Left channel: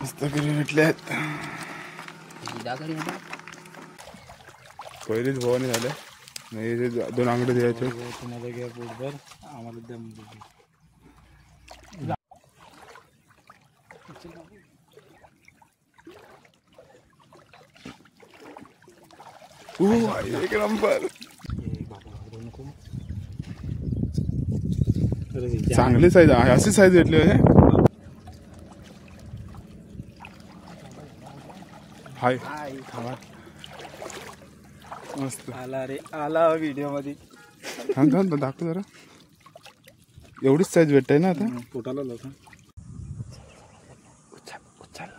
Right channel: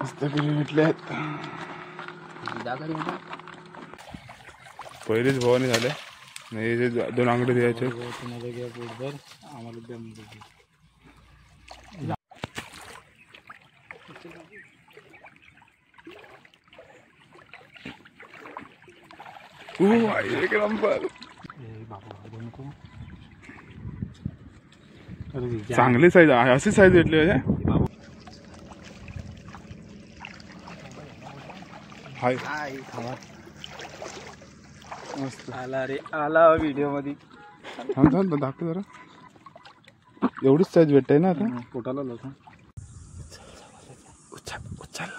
पुस्तकरी भेटल्यात. पहिलीच भवानी झाले. नाही 2 अंगडे द्यायचे. तुम्हाला घ्या पोटभर, आम्हाला द्या म्हणजे. एक नंबर. चांगली साईज, अशी साईज भेटली हाय. मस्त आला रे, आला व्हिडिओ मध्ये. थांब दाखव जरा. एवढीच साईज भेटते ना आता. पोटाला लावतो. उचल.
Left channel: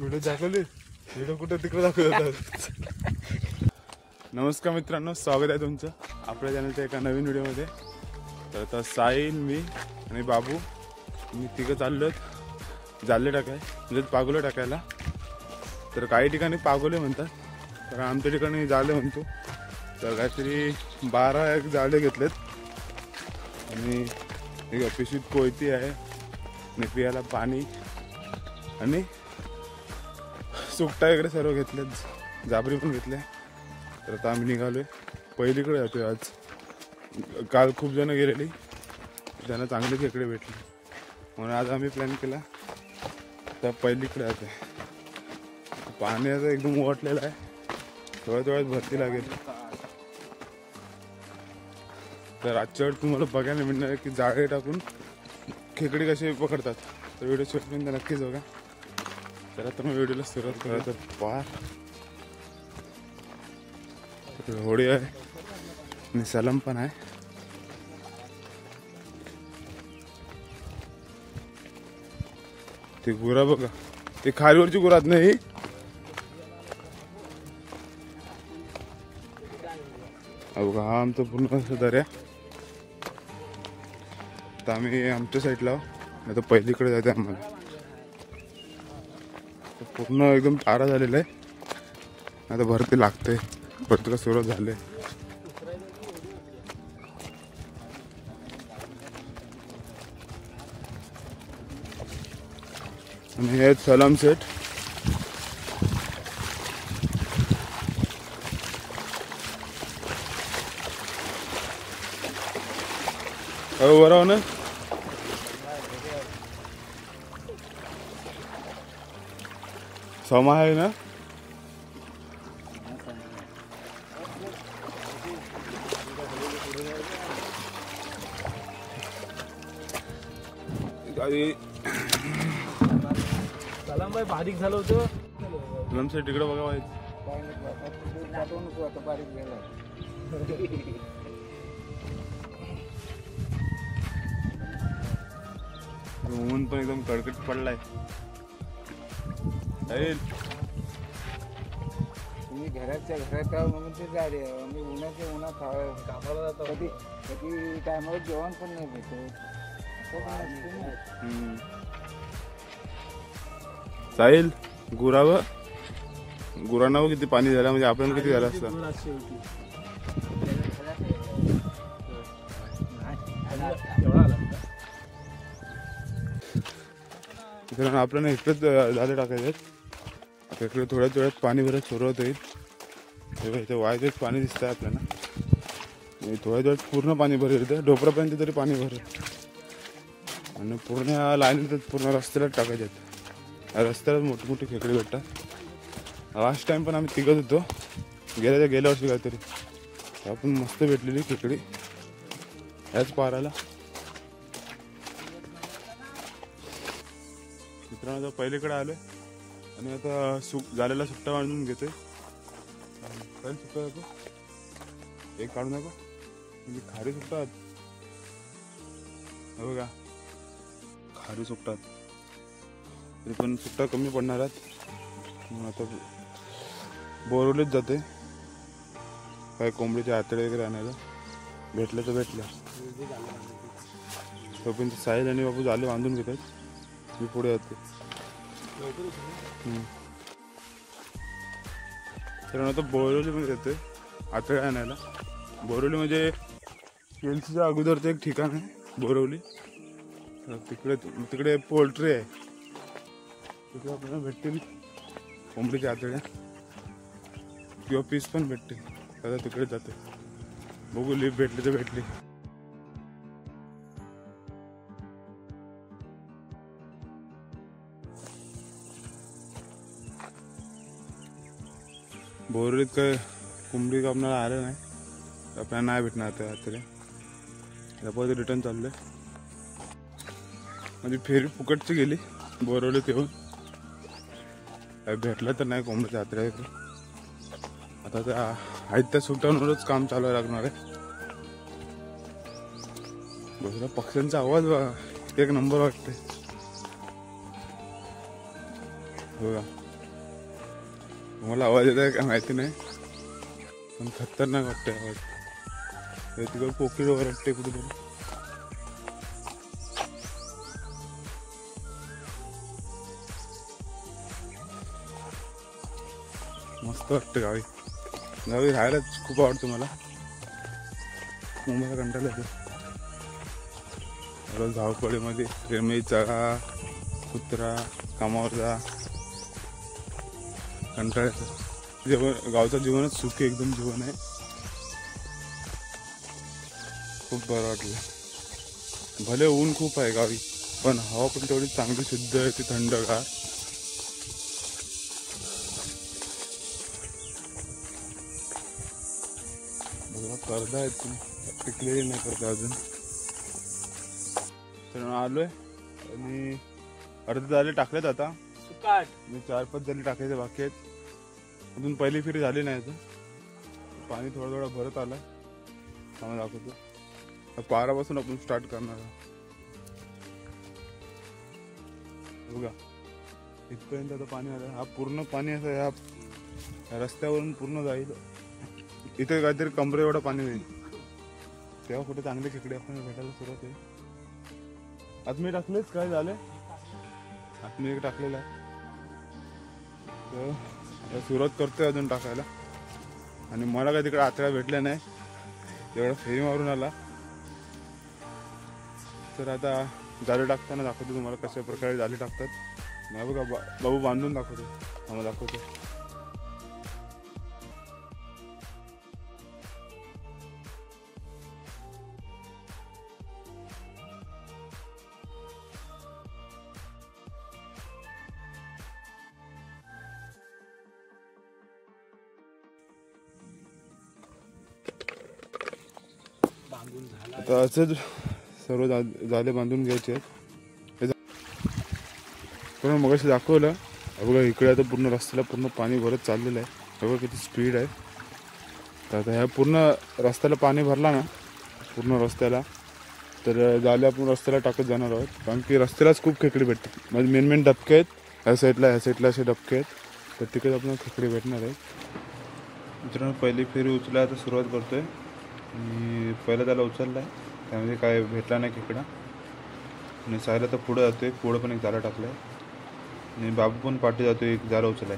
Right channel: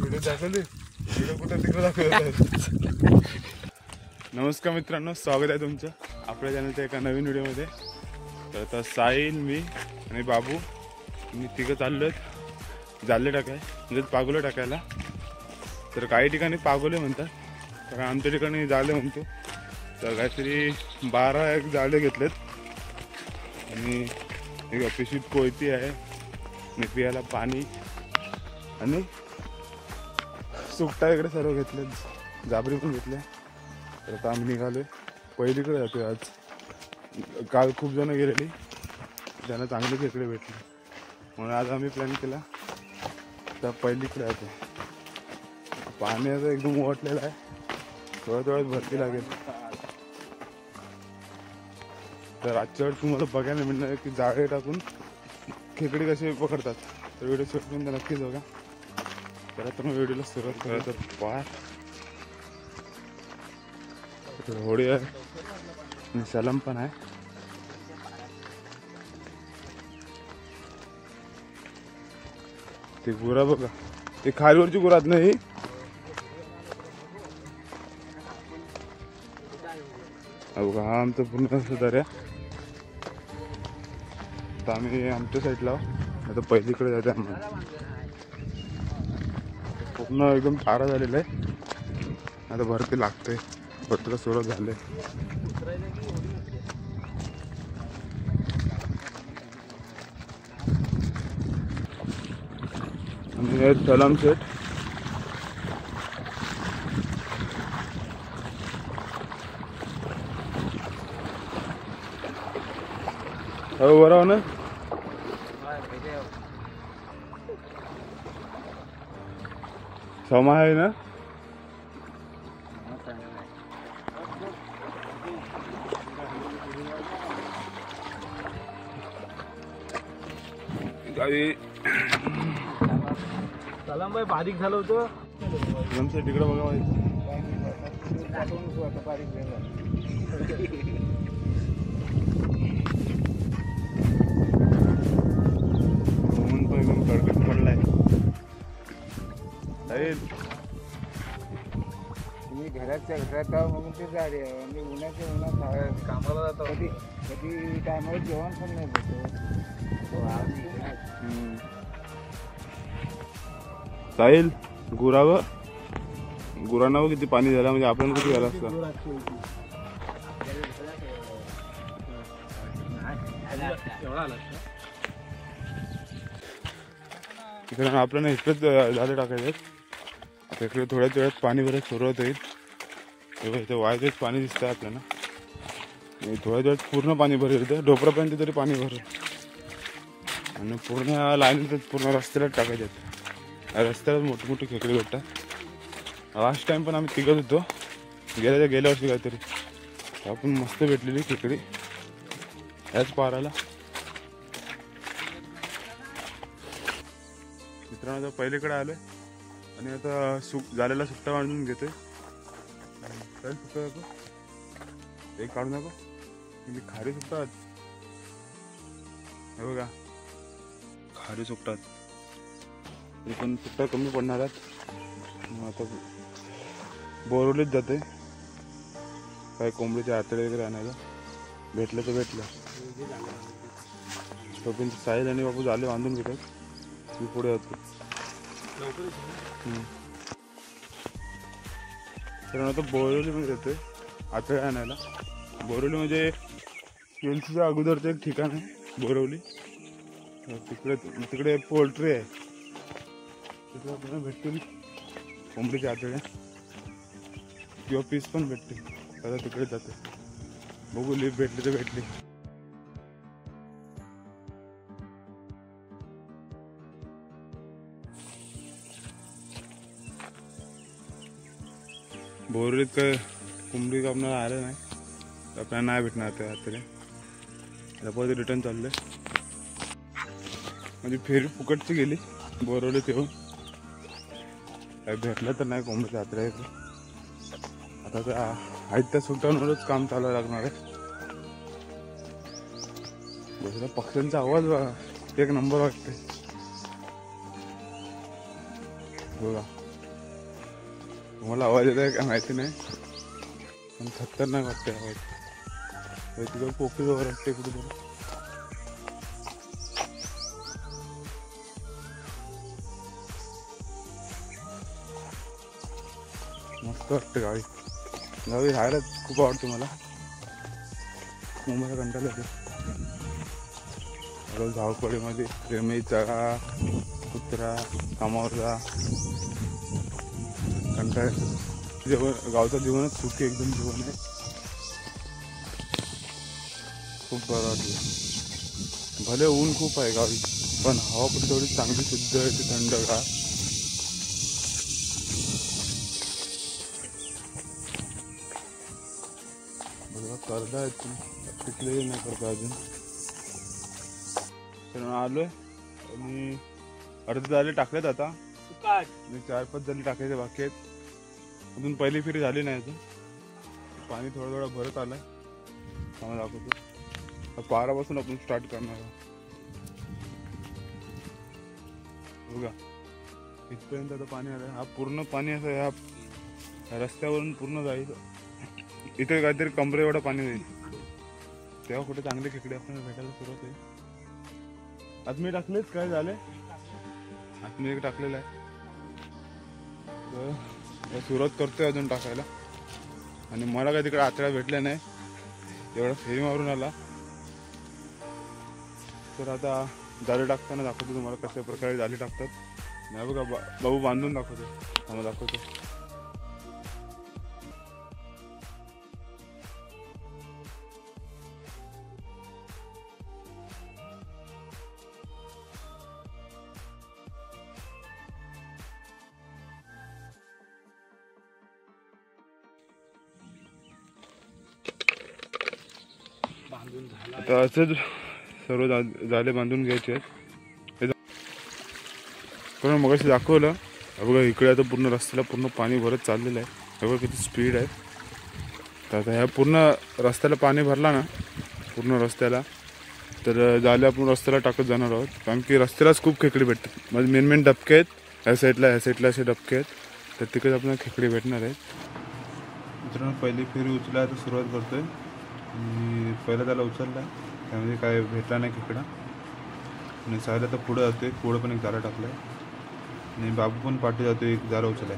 व्हिडिओ दाखवली. व्हिडिओ कुठं तिकडे दाखवत. नमस्कार मित्रांनो, स्वागत आहे तुमचं आपल्या चॅनलच्या एका नवीन व्हिडिओमध्ये. तर आता साहिल, मी आणि बाबू मी तिघं चाललो जाले टाकाय, म्हणजे पागोले टाकायला. तर काही ठिकाणी पागोले म्हणतात, तर आमच्या ठिकाणी जाले म्हणतो. तर काहीतरी 12 जाळे घेतलेत आणि एक पिशवीत कोयती आहे आणि पियाला पाणी आणि सुकटा वगैरे सर्व घेतलेत, जाबरी पण घेतले. तर आता आम्ही निघालोय. पहिलीकडे जातोय आज. काल खूप जण गेलेली, त्यांना चांगले खेकडे भेटले, म्हणून आज आम्ही प्लॅन केला तर पहिलीकडे जातोय. पाणी आता एकदम ओटलेलं आहे, थोड्याच भरती लागेल. तर आजच्या वेळ तुम्हाला बघायला मिळणार की जाळे टाकून खेकडे कसे पकडतात. तर व्हिडिओ शेवटपर्यंत नक्कीच बघा. तर आता मग व्हिडिओला सुरुवात करा. तर पार होडी आहे आणि सलम पण आहे. ते गुरा बघा, ते खालीवरची गुरात नाही. बघा, हा आमचं पूर्ण असं दर्या. तर आम्ही आमच्या साईडला आता पहिलीकडे जायचं आम्हाला. पूर्ण एकदम तारा झालेला आहे. आता भरती लागते, भरती का सुरुवात झाले. आणि हे सलाम सेट. हो बरोबर ना. समा आहे ना. सलाम बाई, बारीक झालं होतं. सलाम सेट तिकडे बघा बाई. बारीक झालं. ऊन पण एकदम कडकडीत पडलाय. मी घराच्या घरात म्हणून ते झाले. मी उन्हात कामाला जातो. कधी टायमावर जेवण पण नाही भेटत. साहिल, गुरांना किती पाणी झालं, म्हणजे आपण किती झालं असतं. कारण आपल्याला इकडेच झाले टाकायचे. इकडे थोड्याच वेळात पाणी भरत सुरुवात होईल. तेव्हा इथे वायचेच पाणी दिसत आहे आपल्याला. थोड्याच वेळात पूर्ण पाणी भरेल, इथे ढोपरापर्यंत तरी पाणी भरेल. आणि पूर्ण लाईनीतच पूर्ण रस्त्यालाच टाकायचे आहेत. रस्त्यालाच मोठी मोठी खेकडे भेटतात. लास्ट टाइम पण आम्ही तिघत होतो, गेल्या वर्षी काहीतरी. आपण मस्त भेटलेली खेकडी याच पाराला. मित्रांनो, आता पहिलीकडे आलोय आणि आता झालेला सुट्टा बांधून घेतोय. काय सुट्टा नको, एक काढू नको, म्हणजे खारी सुट्टात. हे बघा, खारी सुट्टात. तरी पण सुट्टा कमी पडणार आहेत. मग आता बोरवलीच जाते काय कोंबडीचे आतडे वगैरे आणायला. भेटलं तर भेटलं. तोपर्यंत साहिल आणि बाबू झाले बांधून घेतात. मी पुढे जातो. तर आता बोरवली पण येते आतडे आणायला. बोरवली म्हणजे केलसीच्या अगोदरचं एक ठिकाण आहे बोरवली, तर तिकडे तिकडे पोल्ट्री आहे, तिथे आपल्याला भेटतील कोंबडीच्या आतड्या किंवा पीस पण भेटतील. आता तिकडे जातो, बघू लिफ्ट भेटली तर भेटली. बोरवलीत काय कोंबडी कापणारा आलं नाही, आपल्याला नाही भेटणार त्या आतड्या. आता परत रिटर्न चाललंय, म्हणजे फेरी फुकटची गेली बोरवलीत येऊन, काय भेटलं तर नाही कोंबडीच्या आतड्या इकडे. आता त्या आहेत त्या सुटांवरच काम चालू लागणार आहे. दुसरा पक्ष्यांचा आवाज एक नंबर वाटतो बघा. तुम्हाला आवाज येत आहे का माहिती नाही, पण खतरनाक वाटते आवाज. तिकडे कोकिळ वाटते कुठेतरी. मस्त वाटतं गावी. गावी राहायला खूप आवडतं मला. मुंबईला कंटाळा येते धावपळीमध्ये. प्रेमी चढा कुत्रा कामावर जा कंटाळा. जेवण गावचं जीवनच सुखी एकदम जीवन आहे. खूप बरं वाटलं. भले ऊन खूप आहे गावी, पण हवा पण तेवढी चांगली शुद्ध आहे, ती थंडगार. करता तिकडे नाही करता अजून. तर आलोय आणि अर्धे झाले टाकलेत. आता 4-5 झाले टाकायचे बाकी आहेत. अजून पहिली फेरी झाली नाही अजून. पाणी थोडं थोडं भरत आलंय. आम्हाला दाखवतो. पारापासून आपण स्टार्ट करणार आहोत बघा. इथपर्यंत आता पाणी आलं. हा पूर्ण पाणी असं ह्या रस्त्यावरून पूर्ण जाईल. इथे काहीतरी कमरे एवढं पाणी होईल, तेव्हा कुठे चांगले खेकडे आपल्याला भेटायला सुरुवात होईल. आत्मी टाकलेच काय झाले, आत्मी एक टाकलेला आहे. तर सुरुवात करतोय अजून टाकायला. आणि मला काय तिकडे आतड्या भेटल्या नाही, एवढा फेरी मारून आला. तर आता जाळी टाकताना दाखवतो तुम्हाला कशा प्रकारे जाळी टाकतात. नाही बघा बाबू बांधून दाखवतो, आम्हाला दाखवतो. आता असंच सर्व जाले बांधून घ्यायचे आहेत. पण मग असं दाखवलं बघा. इकडे आता पूर्ण रस्त्याला पूर्ण पाणी भरत चाललेलं आहे. बघा किती स्पीड आहे. तर आता ह्या पूर्ण रस्त्याला पाणी भरला ना, पूर्ण रस्त्याला, तर जाले आपण रस्त्याला टाकत जाणार आहोत. कारण की रस्त्यालाच खूप खेकडे भेटतात. म्हणजे मेन डबके आहेत ह्या साईडला असे डबके आहेत. तर तिकडे आपल्याला खेकडे भेटणार आहेत. मित्रांनो पहिली फेरी उचलायला आता सुरुवात करतोय. मी पहिला त्याला उचलला, त्यामध्ये काय भेटला नाही खेकडा. आणि सायला तर पुढं जातोय, पुढं पण एक जाळा टाकलाय. आणि बाबू पण पाठी जातोय, एक जाळा उचलाय.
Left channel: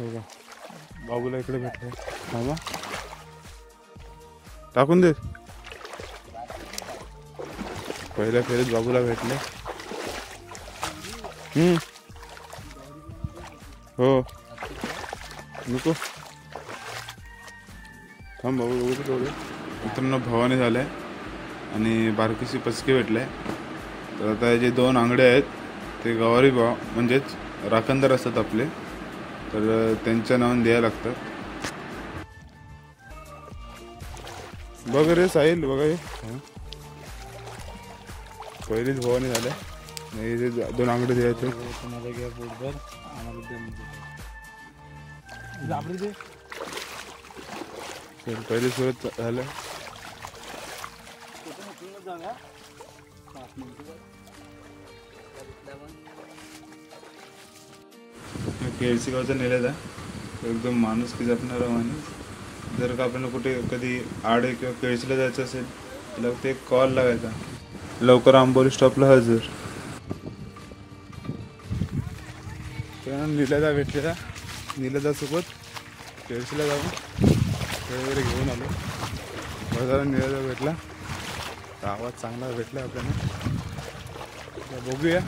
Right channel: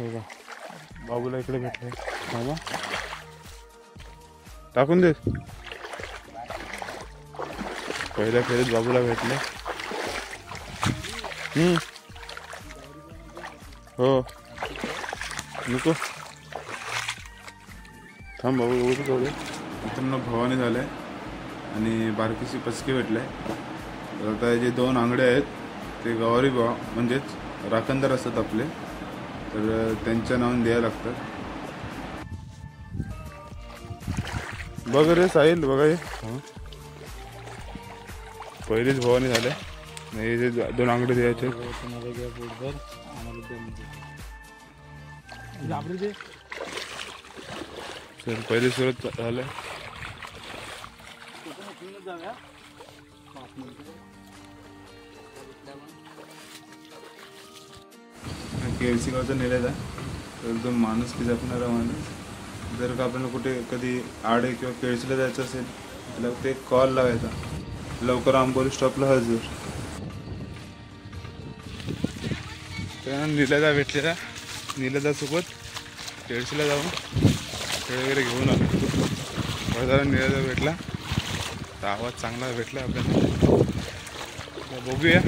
हो का, बाबूला इकडे भेटले. बाबा टाकून दे. पहिल्या फेरीत बाबूला भेटले. हो नको थांब बाबू. बघू तेवढे मित्रांनो भवानी झाले आणि बारकीशी पचके भेटले. तर आता जे 2 आंगडे आहेत ते गवारी भाव म्हणजेच राखणदार असतात आपले, तर त्यांच्या नावाने द्यायला लागतात. बघ रे साहिल, बघा हे पहिलीच भवानी झाले. हे जे 2 आंगडे द्यायचे. पहिली सुरुवात झालं. KFC गावचा नेल्याचा एकदम माणूस की जपणारा माणूस. जर का आपल्याला कुठे कधी आडे किंवा केळशीला जायचं असेल तर ते कॉल लावायचा. लवकर आंबोली स्टॉपला हजर. तर नीलदा भेटलेला. नीलदा सोबत केळशीला जाऊन खेळ वगैरे घेऊन आलो. बरं झालं नीलदा भेटला. तर आवाज चांगला भेटला आपल्याला. तर बघूया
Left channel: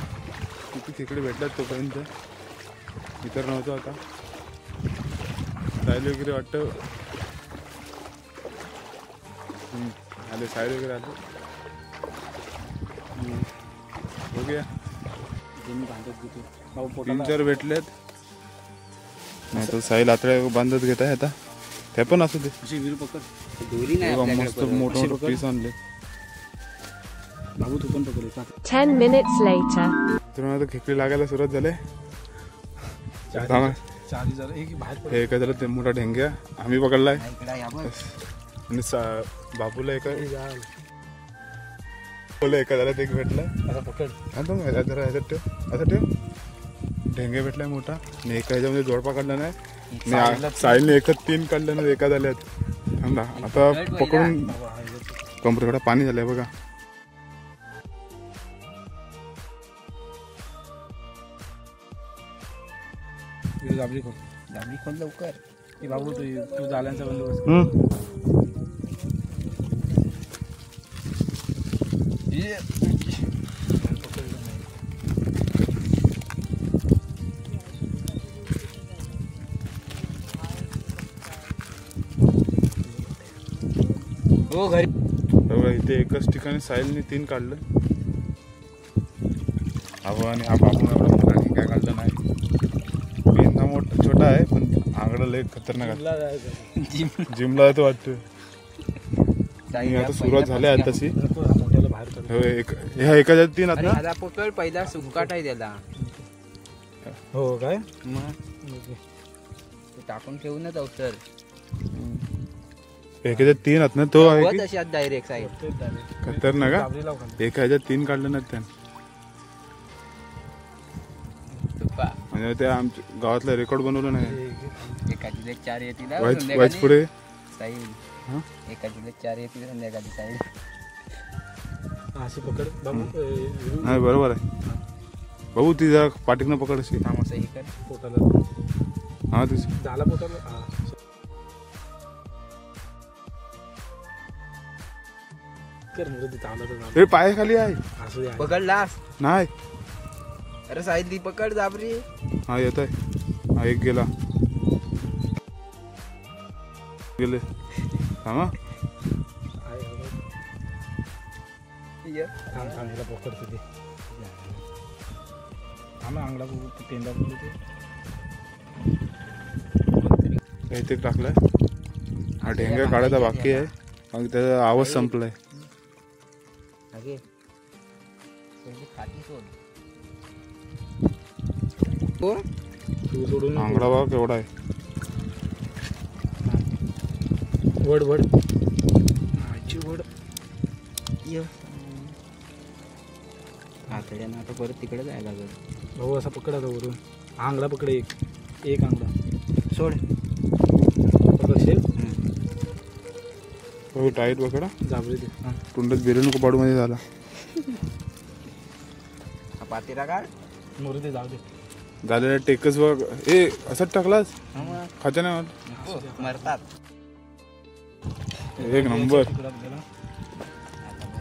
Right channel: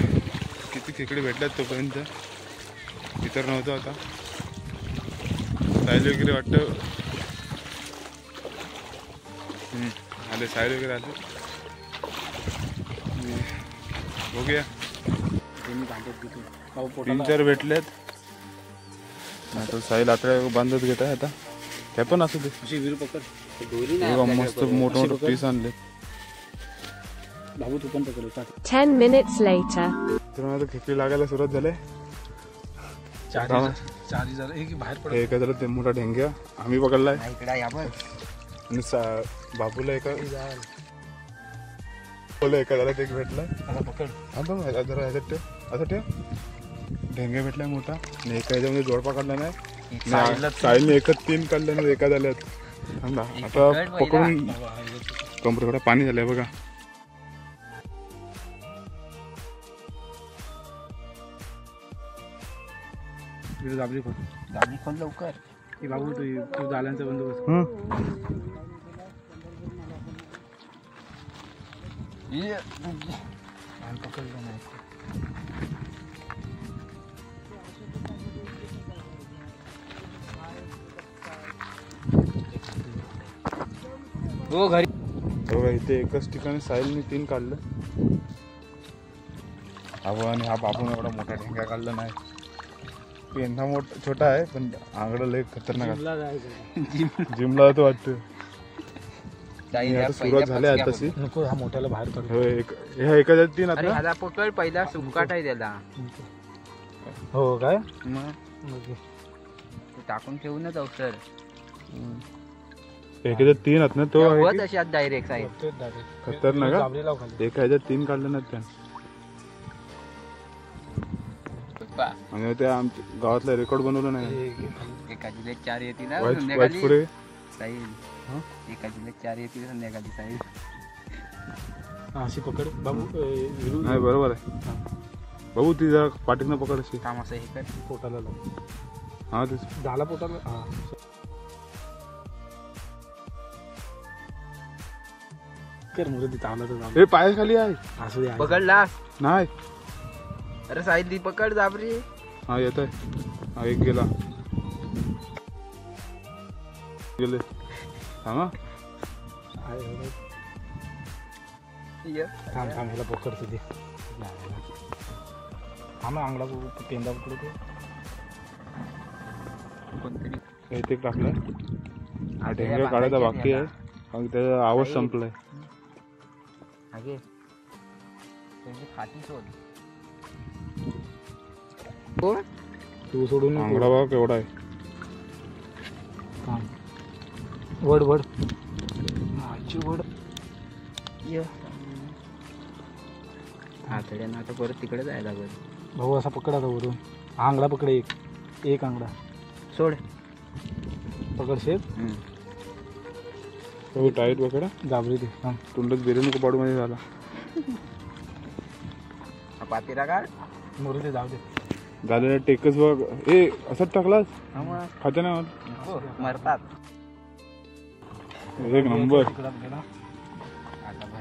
किती खेकडे भेटल्यात तोपर्यंत. इतर नव्हतं आता साईल वगैरे वाटतं आले. साईल वगैरे आले. बघूया 3-4 भेटलेत. नाही तर साईल आता बांधत घेत आहे. आता ते पण असू दे. मस्त मोठं मोठं पीस आणले. 10 minutes later. तर मला खेकडी लागायला सुरुवात झाले. एका झालं ते मोठा ढेंग्या आम्ही पकडलाय. आणि बाबूला एका झाला एक भेटला. जरा ह्याच्यात ठेव असं ठेव. ढेंगे भेटलाय मोठा. आणि एका ह्याच्यामध्ये जोडपा काढला ना. साईलने एकच 3 काढल्या ना. एका झाल्यात. आता पकडून कमरेकडे पाणी झालंय बघा. दाबली खोल लवकर की बाबू तू जाल्यांचा बंदोबस्त. हो घरी इथे एकच ठिकाणी साहिलने 3 काढलं. आणि हा बाबून एवढा मोठा ठिकाण काढलं नाही. पेंधा मोठा छोटा आहे पण आंगडं लय खतरनाक आहे. जिमला जातो वाटतं. आता सुरुवात झाली आहे तशी. ह्या एका 3 आता पकड पहिला सुकाट आहे त्याला. हो काय टाकून ठेवूनच अवसर एका 3 आहेत ना. तो आहे तशी डायरेक्ट साईड खतरनाक आहे. एका 3 काढलं ना त्यानं. म्हणजे ते आमच्या गावातला रेकॉर्ड बनवलं नाही. एकाची 4 येतील पुढे साईल. एकाची 4 येतील संध्याकाळी साईल. अशी पकड बाबू. नाही बरोबर आहे बाबू. ती जरा पाठीनं पकड अशी. असं हे कर पोटाला. हा ती झाला पोटाला. हे पायाखाली आहे. पकडलास नाही. अरे साईल दी पकड जाबरी. हा येत आहे. हा एक गेला. गेले हा पकडतो ते. आम्ही अंगला पेंदा पकडतो. इथे टाकलाय. हा ढेंगा काढायचा बाकी आहे. कारण त्याचा आवाज संपलाय. तू सोडून आंगडा बघा केवढा आहे. वड वड वड आठवड्यानं आता परत तिकडे जायला बरं. भाऊ असा पकडायचा वरून. आंगडा पकड. एक आंगडा सोड. पकड शेप टाईट पकडा. जाबरी ते. तुंडत बिर्याणी नको पाडू मध्ये झाला. पातीला काढ. मोरू ते जाऊ दे. झालेला टेकच बघ. ए असंच टाकलास खात्या नाही मरतात. एक नंबर.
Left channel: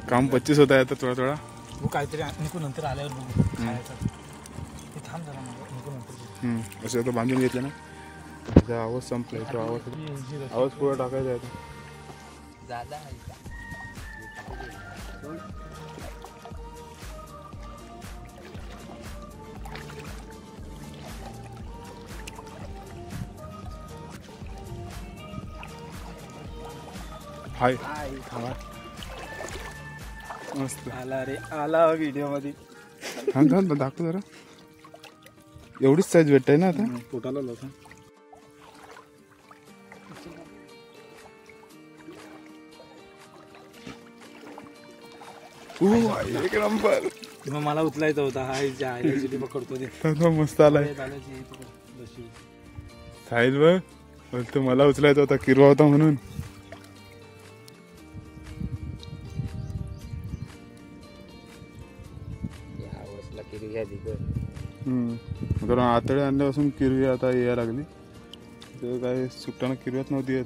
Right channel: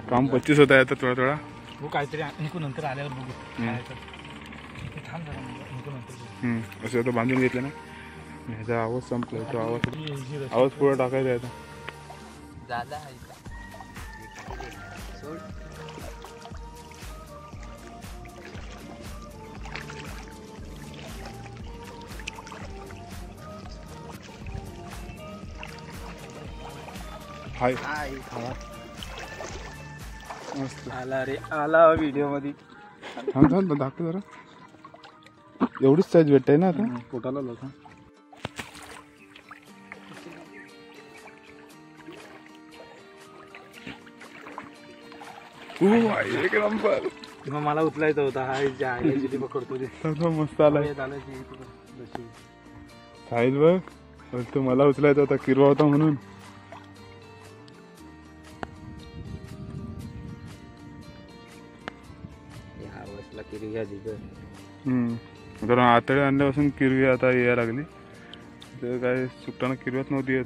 काम 25 होत आहे आता थोडा थोडा. हो काहीतरी निघू नंतर आल्यावर बघू. थांब जरा निघू नंतर. असं आता बांधून घेतलं ना. त्याचा आवाज संपलाय. तो आवाज पुढे टाकायचा आहे. झाला हाय मस्त आला रे. आला व्हिडिओ मध्ये. थांब दाखव जरा. एवढीच साईज भेटताय ना आता. पोटाला लावता. एक नंबर. मग मला उचलायचा होता. हा पकडतो ते. मस्त आलाय. साहिल बघ बोलतो मला उचलायचा होता, किरवा होता म्हणून. या वर्षला किरी घ्या दिगर. कारण आतडे आणल्यापासून किरवी आता यायला लागली. तर काय सुकताना किरव्यात नव्हती येत.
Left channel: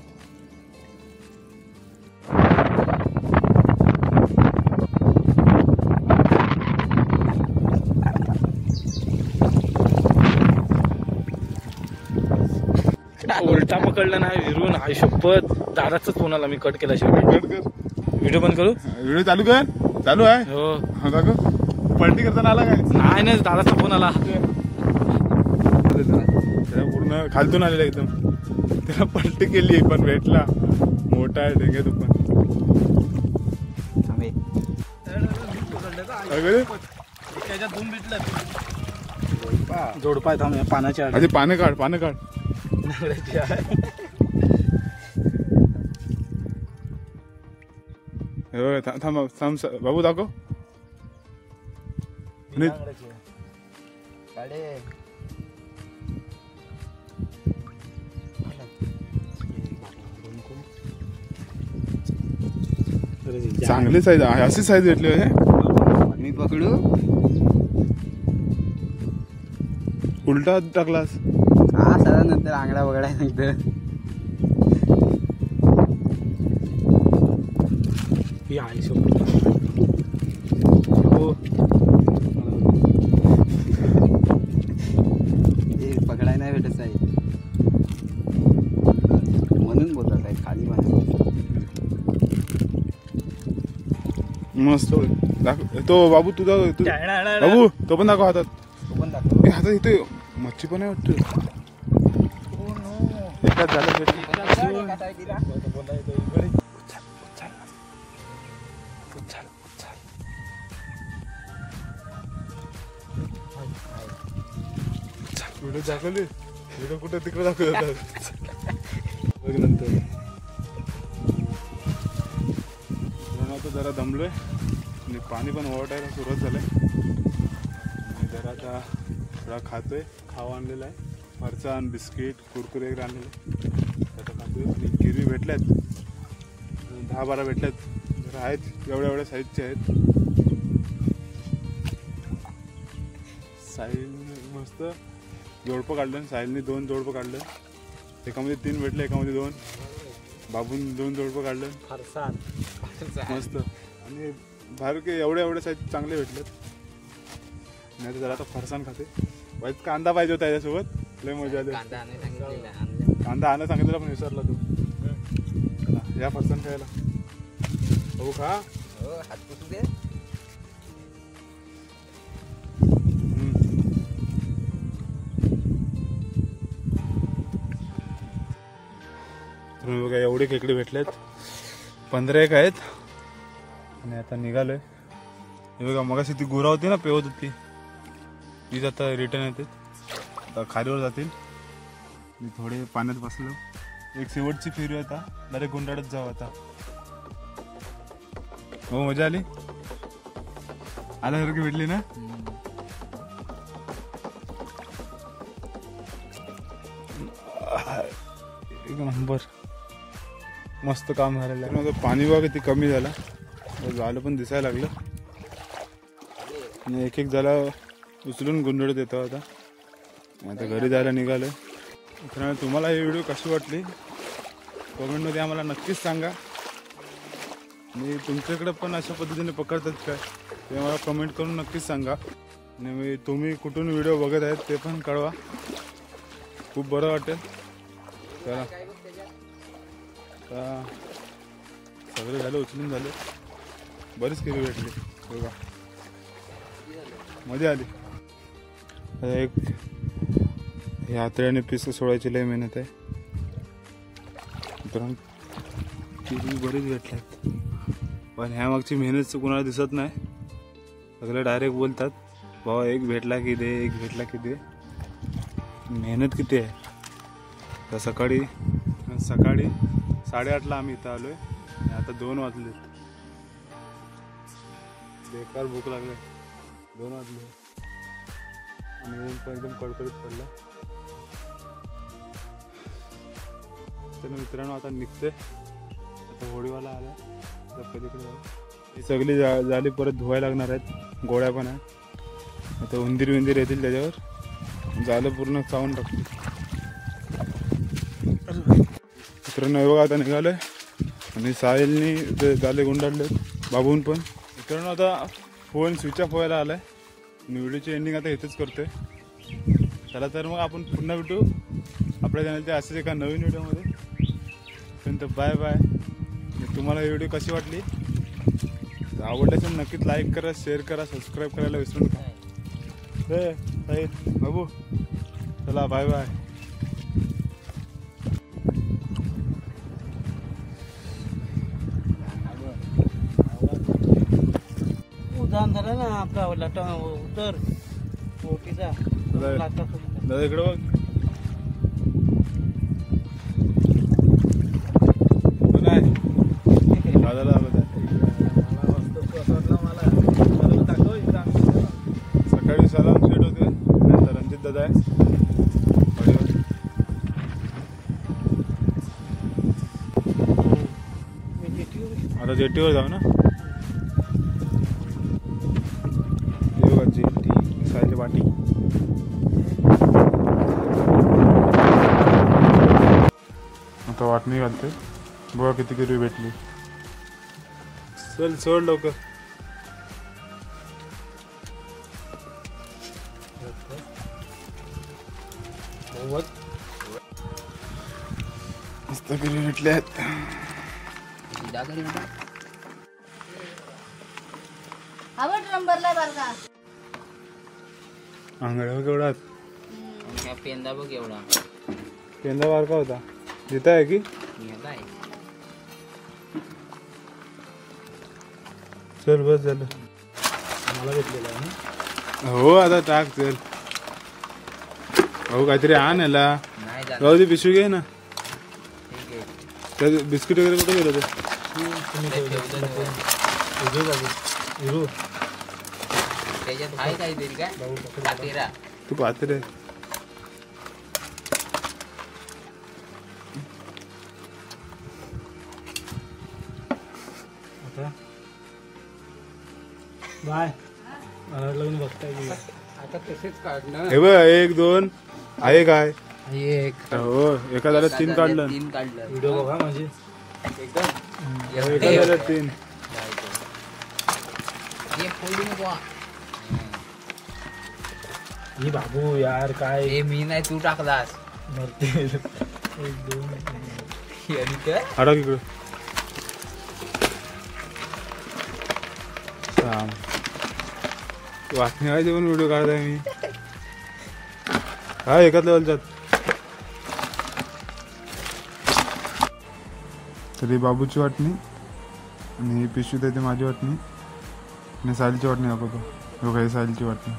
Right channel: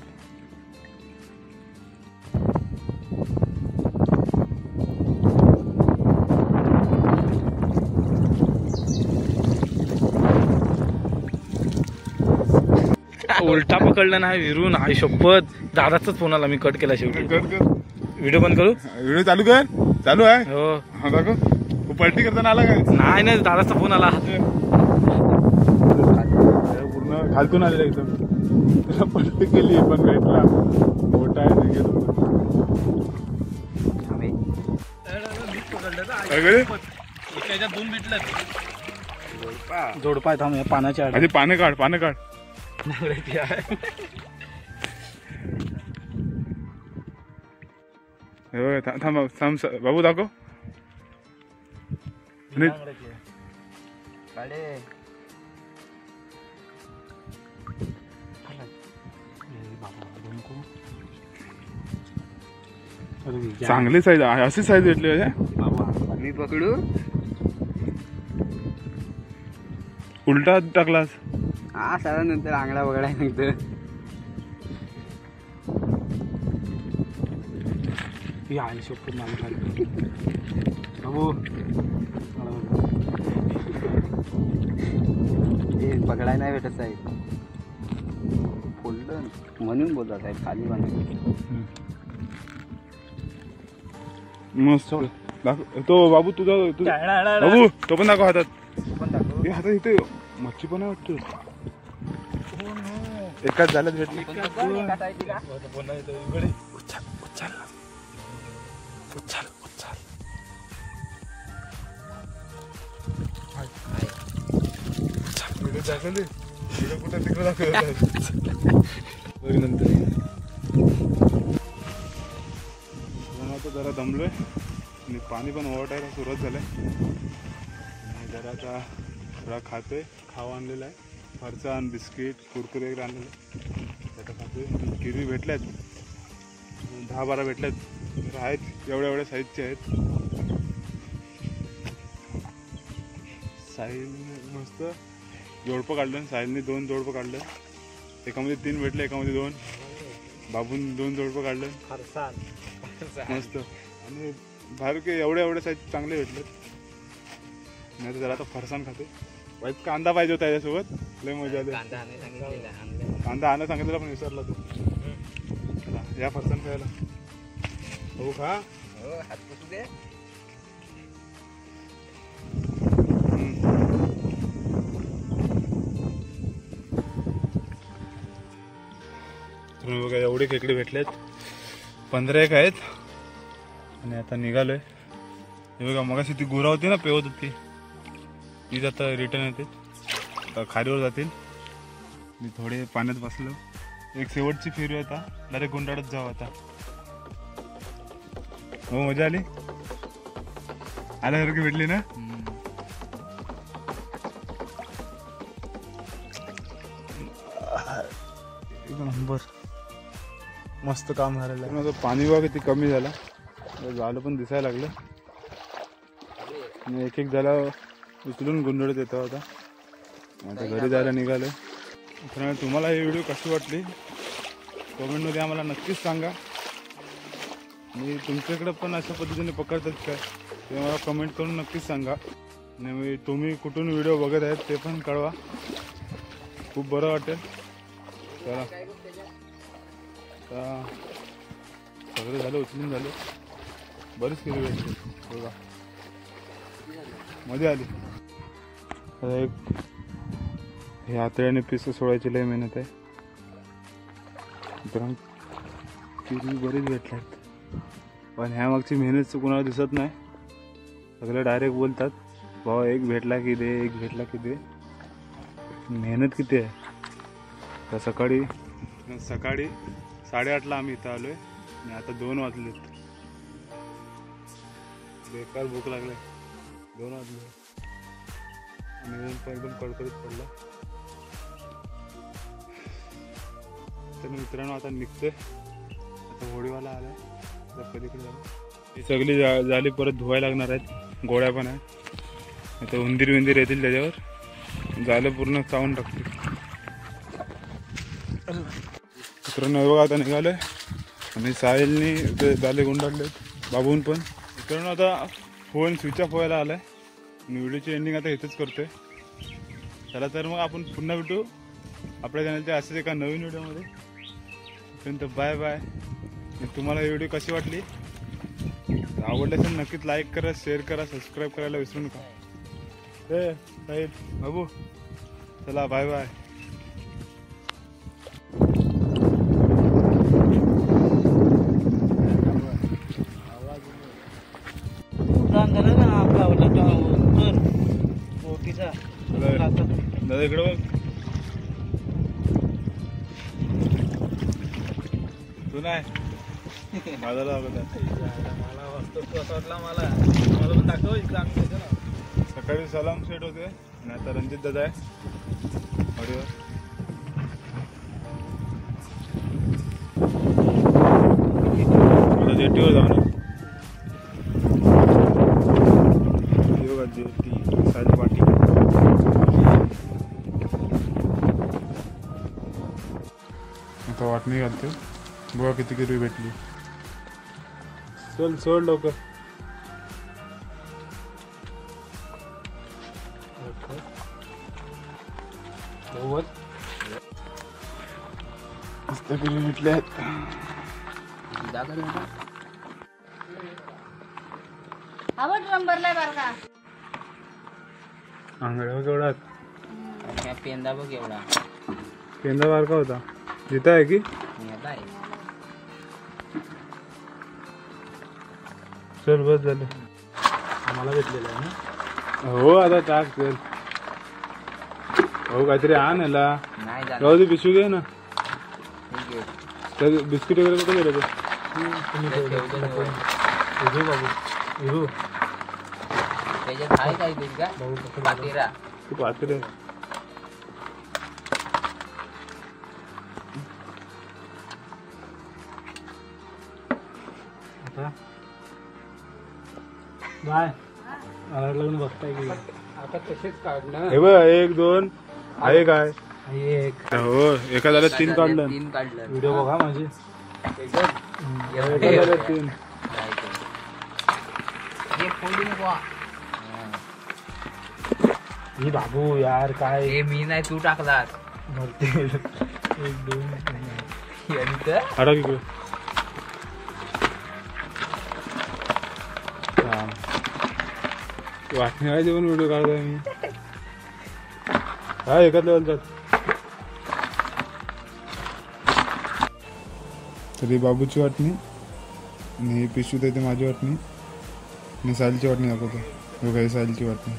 उलटा पकडला ना विरून, आई शपथ. दादाचाच फोन आला, मी कट केला शेवटी. कर कर व्हिडिओ बंद करू. व्हिडिओ चालू कर. चालू आहे. हो हा दाखव. पलटी करताना आला काय? नाही नाही, दादाचा फोन आला. पूर्ण खालतून आलेला एकदम. त्याला पलटी केली पण भेटला. मोठा आहे निघे तो पण. काय करे? त्याच्यात दोन भेटलं. जोडपाय थांब, या पानाच्या आधी पानं काढ, पानं काढ. नांगराची आहे. हे बघ, थांब थांब बाबू दाखव. आणि नांगराची आहे. काढे. चांगली साईज, अशी साईज भेटली होत्या. मी पकडू. उलटा टाकलास. हा सगळ्या नंतर आंगडा बघायला नंतर. ही आई शपथ. हो हे पकडायला नाही भेटत साहेब, म्हणून बोलला साहेब खाली बांधून. मस्त दाखव. तो बाबू तुझा बाबू तो पण दाखव हातात. हे हातात इथे मच्छी पण आहे वाटतं. एकाच झालं भेटली. व्हिडिओ दाखवली. व्हिडिओ कुठं तिकडे दाखवतात नंतर. आता जरा दमलोय आणि पाणी पण ओव्हरटायला सुरुवात झालंय. आणि जरा आता थोडा खातोय. खावा आणलेला आहे. फरसाण, बिस्किट, कुरकुरे वगैरे आणलेले आता खातोय. किरवी भेटल्यात 10-12 भेटल्यात. जरा आहेत एवढ्या साईजचे आहेत. साहिल मस्त जोडपं काढलं. साहिलने 2 जोडपं काढलं. एकामध्ये 3 भेटले, एकामध्ये 2. बाबून 2 जोडपं काढलं. फरसाण मस्त. आणि बाहेर काही एवढ्या साईज चांगले भेटलेत. नाही तर जरा आता फरसाण खाते. वाईट कांदा पाहिजे होता त्याच्यासोबत. लय मजा आली. कांदा आणा सांगितलेला पण विसरला तू. चला या फरसाण खायला. हो खा. हात पुसू दे. तुम्ही बघा एवढे खेकडे भेटलेत. 15 एक आहेत. आणि आता निघालोय. हे बघा मगाशी ती गुरा होती ना, पेवत होती. तीच आता रिटर्न येते. आता खारीवर जातील. मी थोडे पाण्यात बसलो. एक शेवटची फेरी आता. डायरेक्ट गुंडाळत जाऊ आता. हो मजा आली. आल्यासारखी भेटली ना. एक नंबर. मस्त काम झालेलं आहे. माझं पाणी बघा किती कमी झाला. झालं पण दिसायला लागलं. आणि एक झाला उचलून गुंडळत येतो आता. आता घरी जायला निघालं. तर तुम्हाला ही व्हिडिओ कशी वाटली कमेंटमध्ये आम्हाला नक्कीच सांगा. आणि तुमच्याकडे पण अशा पद्धतीने पकडतात काय ते मला कमेंट करून नक्कीच सांगा. आणि तुम्ही कुठून व्हिडिओ बघत आहेत ते पण कळवा. खूप बरं वाटेल. चला सगळे झाले, उचलून झाले. बरीच केली भेटली. बघा मजा आली. एक हे हातळ्याने पिस सोडायची लय मेहनत आहे. किरी बरीच भेटल्यात. पण ह्या मागची मेहनत कुणाला दिसत नाही. सगळे डायरेक्ट बोलतात भावा एक भेटला की दे, एक भेटला की दे. मेहनत किती आहे. तर सकाळी 8:30ला आम्ही इथं आलोय. आणि आता 2 वाजलेत. बेकार भूक लागले. 2 वाजले. आणि ऊन पण एकदम कडकडीत पडलं. तर मित्रांनो आता निघतोय. आता होडीवाला आला आता पलीकडे जाऊ. ही सगळी झाली परत धुवायला लागणार आहेत. गोळ्या पण आहेत. आता उंदीर येतील त्याच्यावर झालं पूर्ण चावून टाकते. मित्रांनो हे बघा आता निघालोय आणि साहिलनी ते झाले गुंडाळले बाबून पण. मित्रांनो आता फोन स्विच ऑफ व्हायला आलाय आणि व्हिडिओची एंडिंग आता इथेच करतोय. चला तर मग आपण पुन्हा भेटू आपल्या चॅनलच्या असेच एका नवीन व्हिडिओमध्ये. तोपर्यंत बाय बाय. तुम्हाला ही व्हिडिओ कशी वाटली आवडली असेल नक्कीच लाईक करा, शेअर करा, सबस्क्राईब करायला विसरू नका. साहिल बाबू चला बाय बाय. उदाहरण झालं ना आपला तर ओटीचा दादा इकडे बघ. नाही दादाला मला वाटतं तू असं वाटलं मला दाखव इकडं आम्ही सकाळी सलाम सेट होते. नंतर रणजित दादा आहे ऑडिओ. आता जेटीवर जाऊ ना. जेटी सायली पाटी. आता वाटणी घालते. बघा किती किलो भेटली. चल सोड लवकर. मस्त किलो भेटले आहेत. आंगड्या केवढा पेंदा बघ एवढा. पेंदा बारका होता. जिथं आहे की चल बस झालं. मला भेटलेलं आहे ना. हो आता टाक चल. हो काहीतरी आण याला. राहू दे पिशवी घे ना. त्या बिस्किट वगैरे कुठे गेले ते बाबू. त्याच्यात आहे काहीतरी का पातेरा. तू पाहते रे. आता बाय. मला वाटलं बघताय की आता तसेच काढणं. हे बघ 1 2 आहे काय. एक हो एका झालं 3 काढलं. 3 काढलं. व्हिडिओ बघा माझी. एका झालं 3. हे फोडू नको. ही बाबू यार काय हे मी नाही तू टाकलास. मरते. 1 2 अडक इकडे. वाटणी आहे जेवण व्हिडिओ काढताय मी. हा एकाच लेवलच्यात. तरी बाबूची वाटणी आणि पिशवी देते माझी वाटणी आणि साहिलची वाटणी दाखवतो. बघा ही साहिलची वाटणी.